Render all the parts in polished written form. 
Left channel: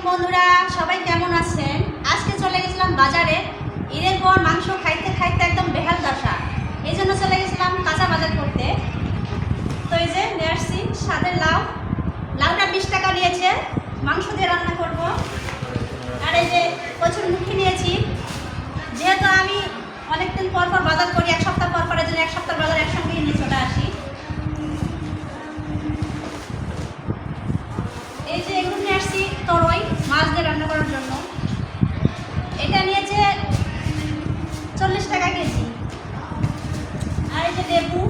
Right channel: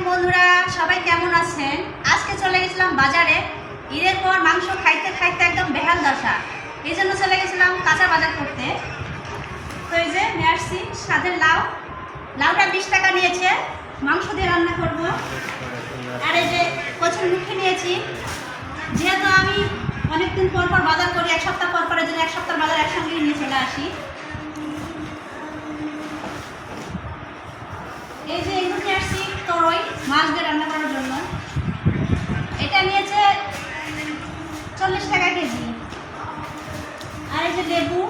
আলাইকুম বন্ধুরা, সবাই কেমন আছেন? আজকে চলে গেছিলাম বাজারে। ঈদের পর মাংস খাইতে খাইতে একদম বেহাল দশা, এই জন্য চলে গেছিলাম কাঁচা বাজার করতে। তো এই যে নিয়ে আসছি স্বাদের লাউ। লাউটা 20 টাকা নিয়েছে, মাংস দিয়ে রান্না করব। আর এই যে কচুর মুখি নিয়েছি, যেহেতু আমি অনেকদিন পর পর বাজার করি, এক সপ্তাহ পর পরের জন্য এক সপ্তাহ বাজার একসঙ্গে নিয়ে চলে আসি। এই যে এগুলো নিয়ে আসছি তরই মাছ দিয়ে রান্না করার জন্য। এটা নিয়েছে 40 টাকা কেজি। আর এই যে লেবু,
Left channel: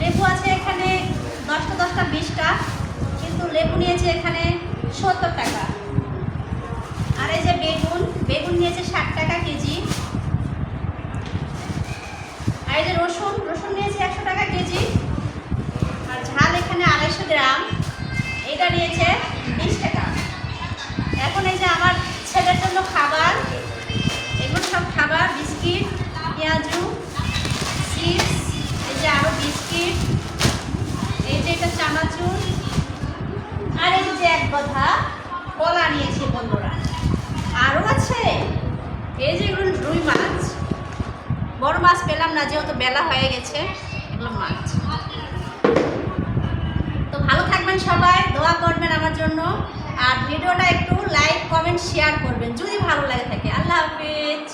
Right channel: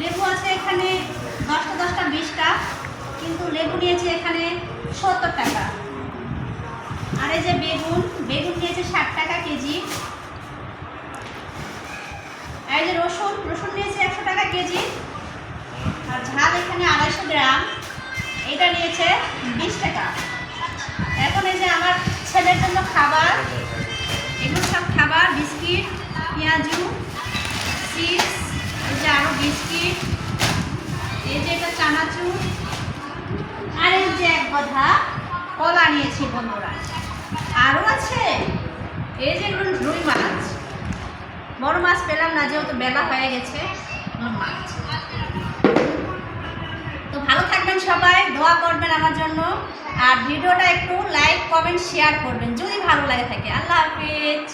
লেবু আছে এখানে 10টা 10টা 20টা, কিন্তু লেবু নিয়েছে এখানে 70 টাকা। আর এই যে বেগুন, বেগুন নিয়েছে 60 টাকা কেজি। আর এই যে রসুন, রসুন নিয়েছে 100 টাকা কেজি। আর ঝাল এখানে 250 গ্রাম, এটা নিয়েছে 20 টাকা। এখন এই যে আমার ছেলের জন্য খাবার, এগুলো সব খাবার, বিস্কিট, পেঁয়াজু, চিপস, এই যে আরও বিস্কিট, এই যে এটা চানাচুর, আর এই যে এক কথা কলা নিয়েছি বন্ধুরা। আরও আছে এই যে এগুলো রুই মাছ, বড় মাছ পেলাম না যেহেতু বেলা হয়ে গেছে, এগুলো মাছ। তো ভালো থাকবেন সবাই, দোয়া করবেন আমার জন্য, আর ভিডিওটা একটু লাইক কমেন্ট শেয়ার করবেন যদি ভালো লাগে থাকে। আল্লাহ হাফিজ।